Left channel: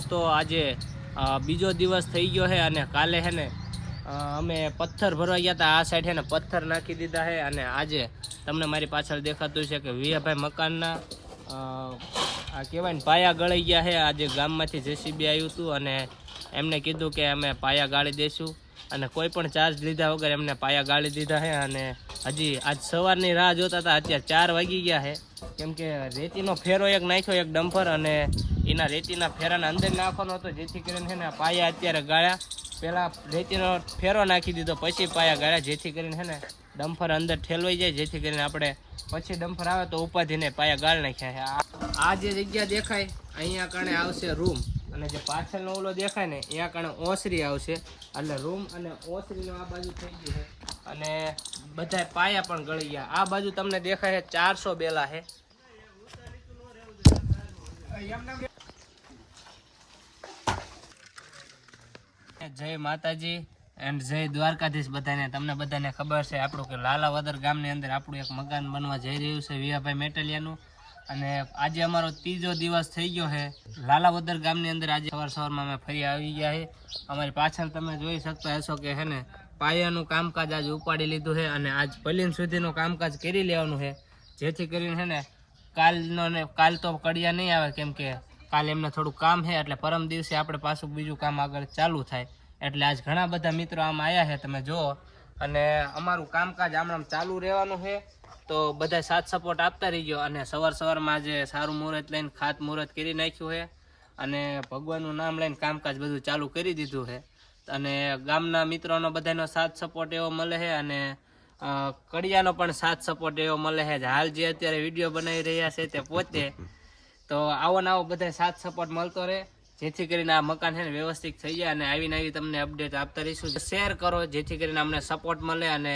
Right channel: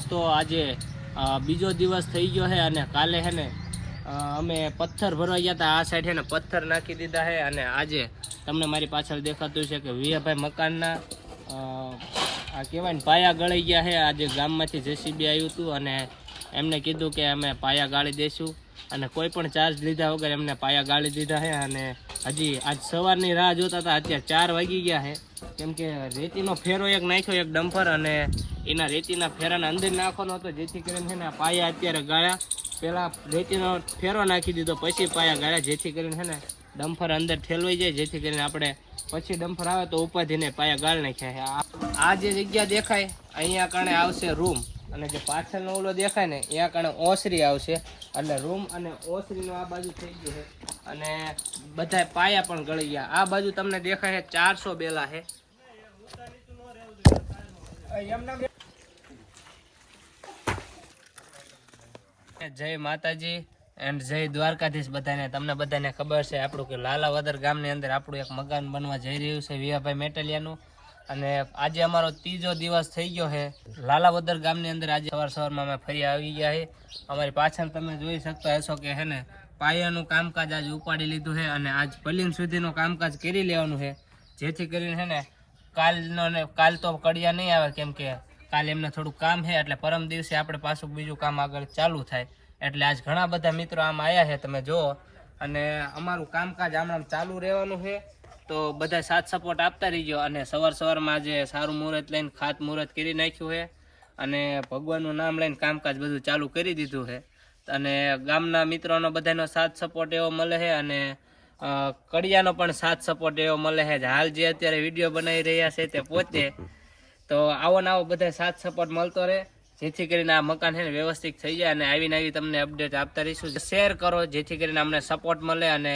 દોસ્તો, આજે બીજો દિવસ થઈ ગયો છે અને કાલે છે ને અમે પથ્થર ભરવા ગયા હતા. આ સાઈડ છે ને પથ્થર નાખી દીધા છે અને આજે તમને મારી પાછળ દેખાતું છે કે વિયાભાઈ મકાનના આ કહેવાય ને પાયા ગળી ગયા છે. આજે ગામમાંથી જેસીબી આવ્યું હતું અને એમને કીધું કે અમે પાયા ગાળી દઈશું અને કોઈ પણ ચાર્જ લીધા વગર એમને પાયા ગાળી દીધા છે અને હજી આજ સવારની રાહ જોતા હતા, અત્યારે ચાર વાગી ગયા છે. કેમ કે રેતીનો ફેરો એક નાખ્યો, એક ડમ્પર અને એના રેતીના ફેરાના અંદર નાખવાનો હતો, જેથી કરીને છે ને પાયા અત્યારે ગાળ્યા. પહેલાં રેતીનો ફેરો નાખી દીધો, પછી પાયા ગાળ્યા, જેથી કરીને છે ને ડમ્ફર અંદર ઠેલવાઈ જાય, જેથી કરીને આપણે પછી ડમ્ફર આવે તો ઉપાધીને પાયા ગાળ નાખ્યા આ જે જગ્યા દેખાય, અહીંયા કારણે આવશે રૂમ. અને જે પાછળનો ઓલો દેખાય ને અહીંયા કારણે ઓસરી આવશે. એટલે રૂમ અને ઓસરીનો આ બાજુ થઈ ગયું છે. અને બધા પાયા પણ ગળી ગયા. આ બાજુ તમને દેખાય છે ચારસો બેલા છે. જય માતાજી એન્ડ જય દ્વારકાધીશ બધાને. તમને બધાને ખબર છે આપણું કે લાલાવદર ગામની અંદર આપણું એક મકાન બનવા જઈ રહ્યું છે વિયાભાઈ મેટલિયાનું. અને આજે અમારો ત્રીજો દિવસ થઈ ગયો છે. લાલાવદર ગામની અંદર આજે સવાર સવારમાં અમે ફરી આવી ગયા છે. અમારી પાછળ તમે જોઈ શકતા હશો કે હે ને, પાયાનું કામકાજ આજે ઉપાડી લીધું છે અને આજ પલીન સુધીનું કામકાજ કરી લેવાનું છે. જેથી કરીને છે ને, કાલનો ને કાલ તો કડિયા નહીં આવે કેમ કે કાલે એમને થોડું કામ છે એટલે પરમ દિવસે આપણે પાછું બીજું કામ આગળ ચાલુ થાય. એટલે આજ ઘણા બધા મિત્રો આમ આવ્યા છે, તમે જુઓ. અને અમારું કામકાજ આમ આમ ચાલુ રહેવાનું છે. તો બધા સાથ સપોર્ટ આપતા રહીજો અને સવાર સવારમાં જે સારું મુહૂર્ત લઈને ખાત મુહૂર્ત કરી નાખ્યું છે અને ભગવાનનું નામ લઈને કામકાજ બધું ચાલુ કરી દીધું છે અને ગામના મિત્રોનો બધાનો સાથ સપોર્ટ એવો મળે છે અને કડિયાનો પણ સાથ સપોર્ટ એવો મળે છે હાલ જે અત્યારે વીડિયો બનાવી રહ્યા છે તે પોતે. તો આવો ને આવો બધા સાથ સપોર્ટ મળતો રહે. જેથી કરીને આ મકાન છે ને વ્યવસ્થિત થઈ જાય અને આવીને આવી તમને અપડેટ આપતા રહીશું. શેર કરો જેથી કરીને અમને સપોર્ટ મળે અને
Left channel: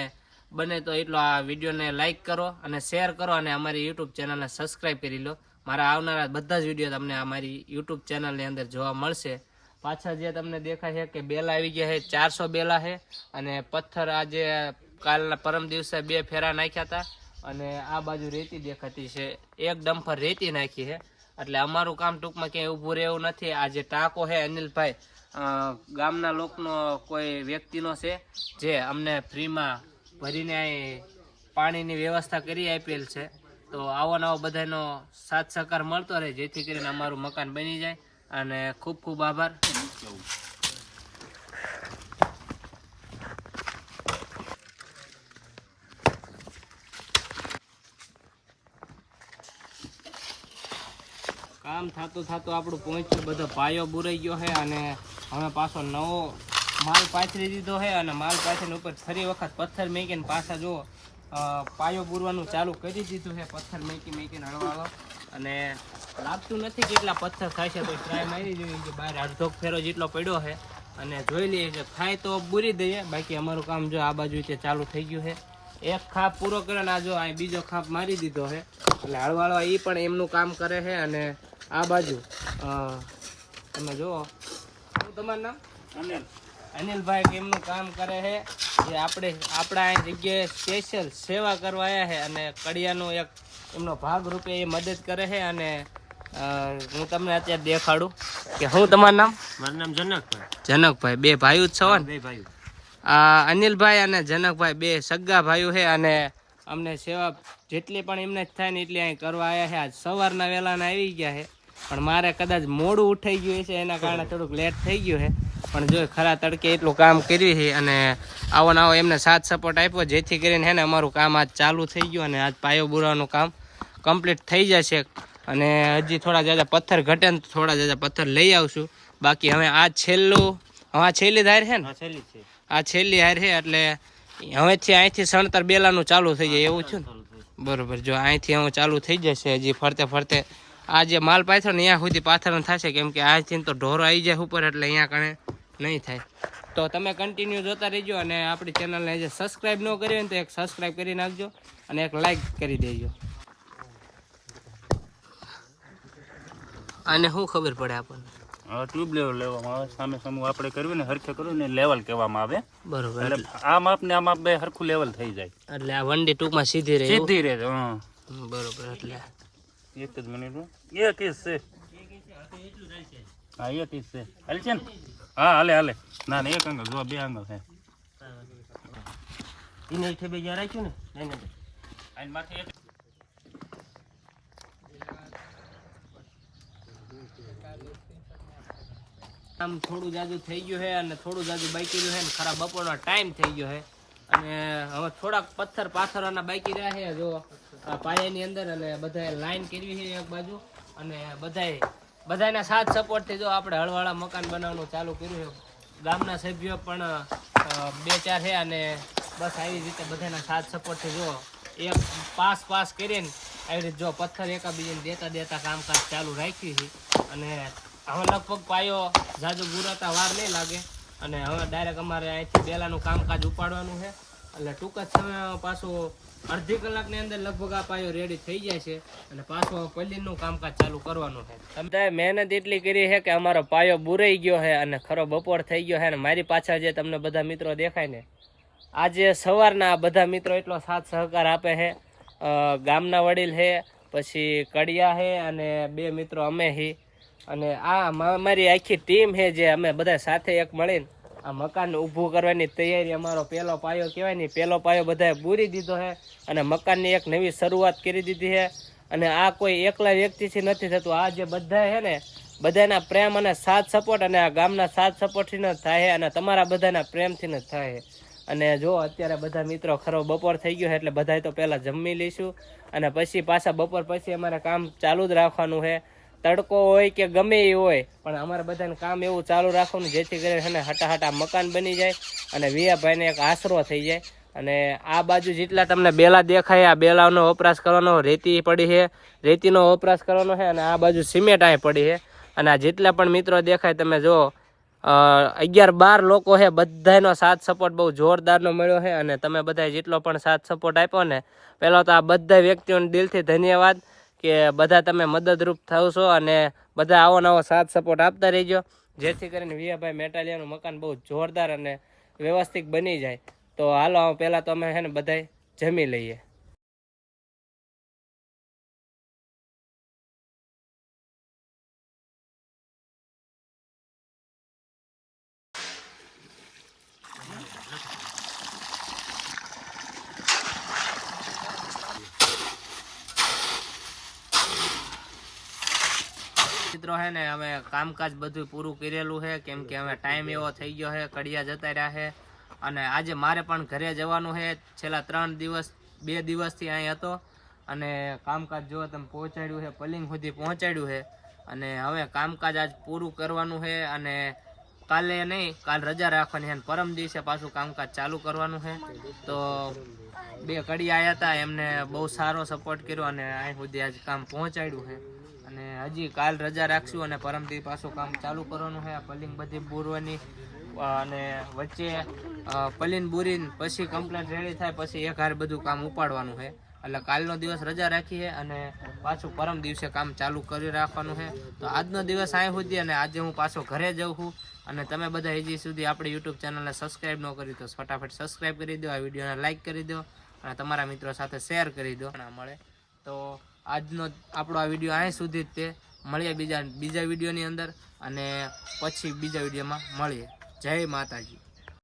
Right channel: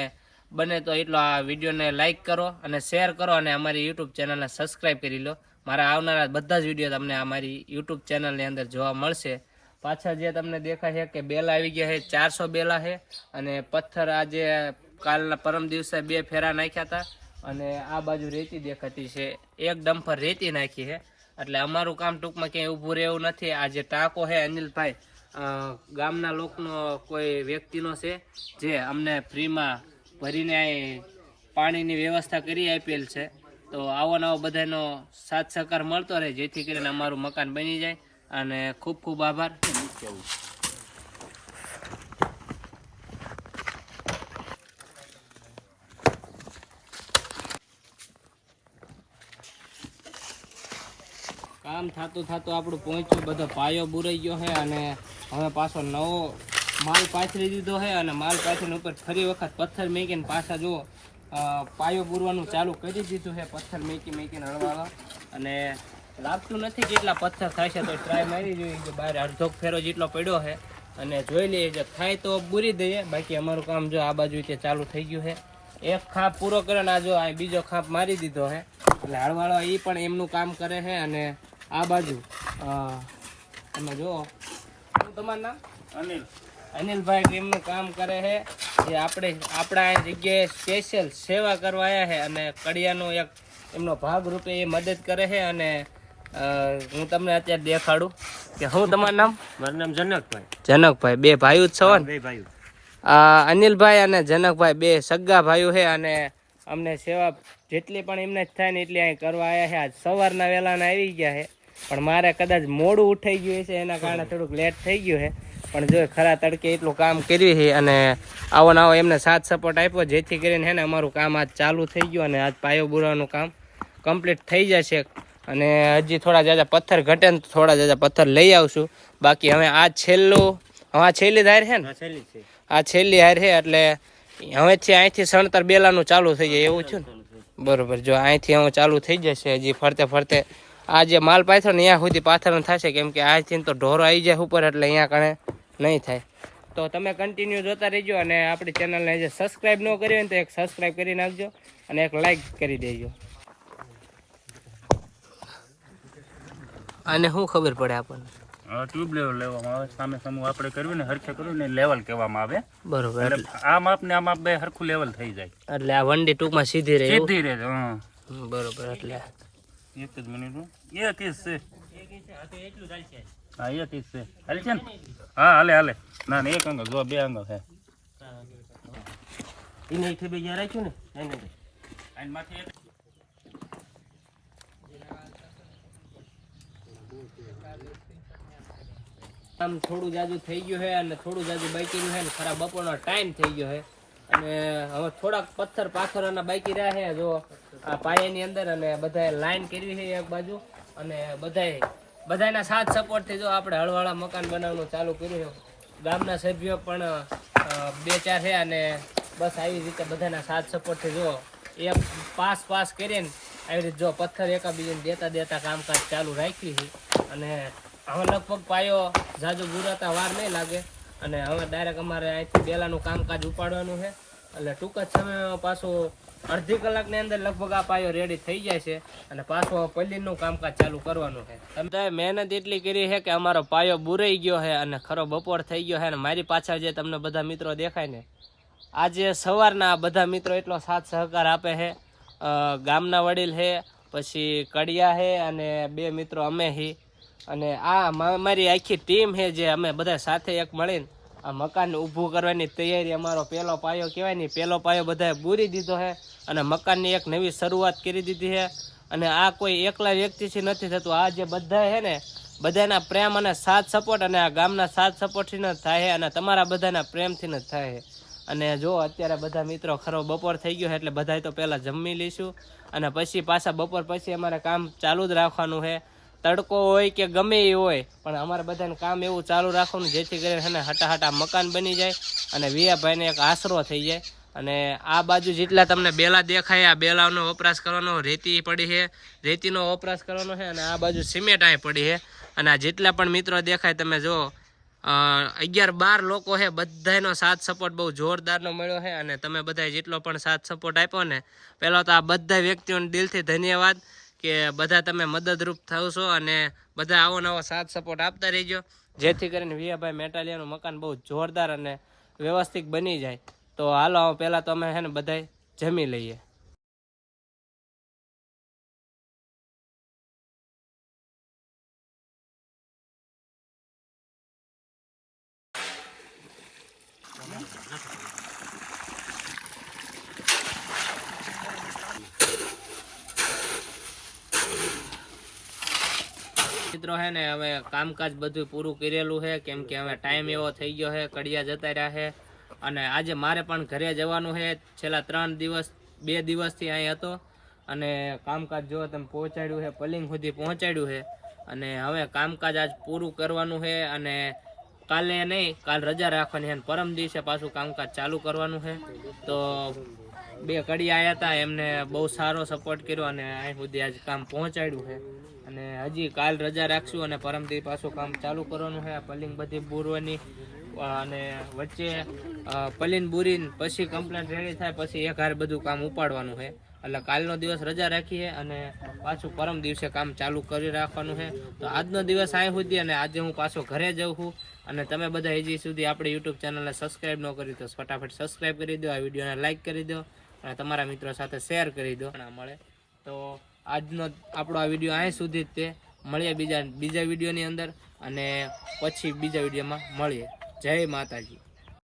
બને તો એટલો આ વિડીયોને લાઇક કરો અને શેર કરો અને અમારી યુટ્યુબ ચેનલને સબસ્ક્રાઈબ કરી લો. મારા આવનારા બધા જ વીડિયો તમને અમારી યુટ્યુબ ચેનલની અંદર જોવા મળશે. પાછા જે તમને દેખાય છે કે બેલા આવી ગયા છે, ચારસો બેલા છે અને પથ્થર આજે કાલના પરમ દિવસે બે ફેરા નાખ્યા હતા અને આ બાજુ રેતી દેખાતી છે, એક ડમ્પર રેતી નાખી છે. એટલે અમારું કામ ટૂંકમાં ક્યાંય ઊભું રહેવું નથી. આ જે ટાંકો છે અનિલભાઈ ગામના લોકનો કોઈ વ્યક્તિનો છે જે અમને ફ્રીમાં ભરીને પાણીની વ્યવસ્થા કરી આપેલ છે. તો આવો નવો બધાનો સાથ સહકાર મળતો રહે, જેથી કરીને અમારું મકાન બની જાય. અને ખૂબ ખૂબ આભાર. કામ થતું થતું આપણું પહોંચ્યું, બધો પાયો બુરાઈ ગયો છે અને હવે પાછો નવો માલ પાથરી દીધો છે અને માલ પાથરીને ઉપર ફરી વખત પથ્થર મેકીને પાછા જો પાયો પૂરવાનું ચાલુ કરી દીધું છે પથ્થર મેકી મેકીને હળવાળો. અને લાગતું નથી કેટલા પથ્થર થાય છે તો ટ્રાય મારી જોઈએ કે બહાર અડધો ફેરો જેટલો પડ્યો છે અને જોઈ લઈએ જો થાય તો બુરી દઈએ. બાકી અમારું કામ જો આ બાજુ તે ચાલુ થઈ ગયું છે એક ખાપ પૂરો કરે ને આ જો અહીં બીજો ખાપ મારી દીધો છે એટલે હળવાળો એ પણ એમનું કામ કરે છે અને આ બાજુ તમે જુઓ. તમારું નામ? અનિલ. અનિલભાઈ એમનું કામ કરે છે. જે આપણે આપણા જગ્યાએ સ્પેશિયલ સેવા કરવા આવ્યા છે અને કડિયાનો એક એમનો ભાગ રૂપે એ મદદ કરે છે અને હું તમને અત્યારે દેખાડું કે હું તમારું નામ? મારું નામ જનકભાઈ. જનકભાઈ બે ભાઈઓ જ છો ને? બે ભાઈઓ. અનિલભાઈ અને જનકભાઈ બે સગા ભાઈઓ છે અને અમને સેવા જેટલી પણ એમને જ થાય ને એટલી અહીં કરવા આવ્યા છે. આજ સવારના વહેલાના આવી ગયા છે. પણ મારે કદાચ મોડું ઉઠાઈ ગયું છે એના કારણે થોડુંક લેટ થઈ ગયું છે. પણ જો ખરા તડકે એટલું કામ કર્યું છે અને આવો ને આવો એમને સાથ સપોર્ટ આપ્યો જેથી કરીને હે ને અમારું કામ આજ ચાલુ થઈ ગયું અને આજ પાયો બુરવાનું કામ કમ્પ્લીટ થઈ જશે. અને હજી થોડા જાજા પથ્થર ઘટે ને થોડા જાજા પથ્થર લઈ આવશું. બાકી હવે આ છેલ્લું હવે આ છેલ્લી ધાર છે ને? છેલ્લી આ છેલ્લી હાર છે એટલે હવેથી અહીંથી સણતર બેલાનું ચાલુ થઈ જાય એવું છે ને? બરોબર જો અહીંથી હું ચાલુ થઈ જશે હજી ફરતે ફરતે આ જે માલ પાથરો ને અહીંયા સુધી પાથરણ થશે કેમ કે અહીંથી તો ઢોરો આવી જાય ઉપર એટલે અહીંયા કણે નહીં થાય. તો તમે કન્ટિન્યુ જોતા રહેજો અને આપણી ચેનલને જે સબસ્ક્રાઈબ ન કરી હોય તો એક સબસ્ક્રાઈબ કરી નાખજો અને એક લાઈક કરી દેજો. અને શું ખબર પડે આપણને? ટ્યુબ લેવલ લેવામાં આવે સામે સામે આપણે કરવી ને હરખે કરવી ને લેવલ કહેવામાં આવે. બરોબર એટલે આ માપ ને આ માપ બે હરખું લેવલ થઈ જાય. એટલે આ વંડી ટૂંકમાં સીધી રહે? સીધી રહે હમ, બરોબર એટલે એક જ મિનિટ એક છે. હા એ જ છે. હાલ છે ને? હા હાલે હાલે. ના ના એક અંગલ જો બે અંગલ છે. એને એક બે જ્યાં રાખ્યું ને એને માથે એક. આમ થોડું જાજુ થઈ ગયું છે અને થોડું જાજુ બાકી રહ્યું છે ને ખરા બપોરનો ટાઈમ થઈ ગયો છે. અને હવે થોડાક પથ્થર પાથરોના બાકી રહ્યા છે જો આ પાયાની અંદર અને બધાએ લાઈન કરવી છે એક બાજુ અને બધાએ બધાના સાથ સપોર્ટથી જો આપણે હળવાળા મકાન બનાવવાનું ચાલુ કર્યું છે. ગામના સભ્યો પણ બે ચાર છે અને બસ આવી રીતે બધાના સાથ સપોર્ટથી જો એ પાસ પાસ કરીને આવી રીતે જો પથ્થર એકાબીજાને દેતા દેતા કામકાજ ચાલુ રાખી છે. અને હવે લગભગ પાયો જાજુ ગુરાતા વાર નહીં લાગે. અને હવે ડાયરેક્ટ અમારે અહીંથી બેલાનું કામકાજ ઉપાડવાનું છે. એટલે ટૂંક જ સમયમાં પાછું અડધી કલાકની અંદર લગભગ આ પાયો રેડી થઈ જાય છે અને પાછો પલ્લીનું કામકાજ ચાલુ કરવાનું છે. તમે મહેનત એટલી કરી છે કે અમારો પાયો બુરાઈ ગયો છે અને ખરો બપોર થઈ ગયો છે અને મારી પાછળ જે તમને બધા મિત્રો દેખાય ને, આજે સવારના બધા મિત્રો એટલો સાથ સહકાર આપે છે. ગામના વડીલ છે, પછી કડિયા છે અને બે મિત્રો અમે હી અને આ મારી આખી ટીમ છે જે અમે બધા સાથે એક મળીને આ મકાન ઊભું કરવાની તૈયારી અમારો પહેલો પાયો કહેવાય ને, પહેલો પાયો બધાએ બૂરી દીધો છે અને મકાનની એક નવી શરૂઆત કરી દીધી છે. અને આ કોઈ એકલા વ્યક્તિથી નથી થતું. આ જે બધા છે ને, બધાના પ્રેમ અને સાથ સપોર્ટ અને આ ગામના સાથ સપોર્ટથી જ થાય છે અને તમારા બધાના પ્રેમથી જ થાય છે. અને જો અત્યારે બધા મિત્રો ખરો બપોર થઈ ગયો છે એટલે બધાએ તો પહેલાં જમી લઈશું અને પછી પાછા બપોર પછી અમારે કામ ચાલુ જ રાખવાનું છે. તડકો હોય કે ગમે એ હોય, પણ અમારે બધાને કામ એવું ચાલુ રાખવાનું, જેથી કરીને હટા હટાહટા મકાન બની જાય અને વિયાભાઈને એક આશરો થઈ જાય. અને આ બાજુ જેટલા તમને બેલા દેખાય, આ બેલાનો વપરાશ કરવાનો રેતી પડી છે, રેતીનો વપરાશ કરવાનો છે અને આ બાજુ સિમેન્ટ અહીં પડી છે. અને આ જેટલા પણ મિત્રો દેખાય, તમે જો અગિયાર બાર લોકો છે બધાનો સાથ સપોર્ટ બહુ જોરદારનો મળ્યો છે. અને તમે બધાએ જેટલો પણ સાથ સપોર્ટ આપ્યો ને, પહેલાં તો આ બધા વ્યક્તિઓને દિલથી ધન્યવાદ. કે બધા તમે મદદરૂપ થશો અને બધા આવો નવો સાથ સપોર્ટ આપતા રહેજો. જેથી કરીને વિયાભાઈ મેટાલિયાનું મકાન બહુ જોરદાર અને વ્યવસ્થિત બની જાય. તો હાલો પહેલાં તો અમે છે ને બધાય જમી લઈએ. મિત્રો છે ને, હવે કામકાજ બધું પૂરું કરેલું છે કેમ કે હવે ટાઈમ એવો થઈ ગયો છે કડિયા જતા રહ્યા છે અને આજે મારે પણ ઘરે જવાનું છે છેલ્લા ત્રણ દિવસ, બે દિવસથી અહીં હતો. અને કામકાજ જો તમે પહોંચાડ્યું છે પલિંગ સુધી પહોંચાડ્યું છે અને હવે કામકાજ આજ પૂરું કરવાનું છે અને કાલે નહીં, કાલ રજા રાખવાની છે અને પરમ દિવસે પાછું કામકાજ ચાલુ કરવાનું છે તો બે કડિયા આવ્યા હતા, એમને બહુ સારો સપોર્ટ કર્યો, અને અહીં સુધી આજ કામ પહોંચાડ્યું છે અને હજી કાલ રજા રાખશું અને પરમથી પાછું કામ ચાલુ કરવાનું છે. આ પલિંગ બધી બૂરવાની અને વચ્ચે પલિંગ બૂરીને પછી કમ્પ્લેન રેડી થાય, પછી એક હાર બધું કામ ઉપાડવાનું છે. એટલે કાલનો દિવસ રજા રાખી છે અને પાછું પરમ દિવસે કામ ચાલુ કરી રાખવાનું છે. તો આજનો દિવસ અહીં સુધી અને આજે હું પાછો ઘરે જઉં છું. અને તમે બધા હજી સુધી આપણી યુટ્યુબ ચેનલને સબસ્ક્રાઈબ ન કરી તો ફટાફટ સબસ્ક્રાઈબ કરી દો, આ વિડીયોને લાઇક કરી દો અને તમારા મિત્રો સાથે શેર કરી દો. ના મળે. તો આજનો આપણો આ વીડિયો અહીં સુધી જ તે. મળીએ બીજા બીજા વિડીયોની અંદર અને પછી બીજા વિડીયોમાં મળીએ. જય માતાજી.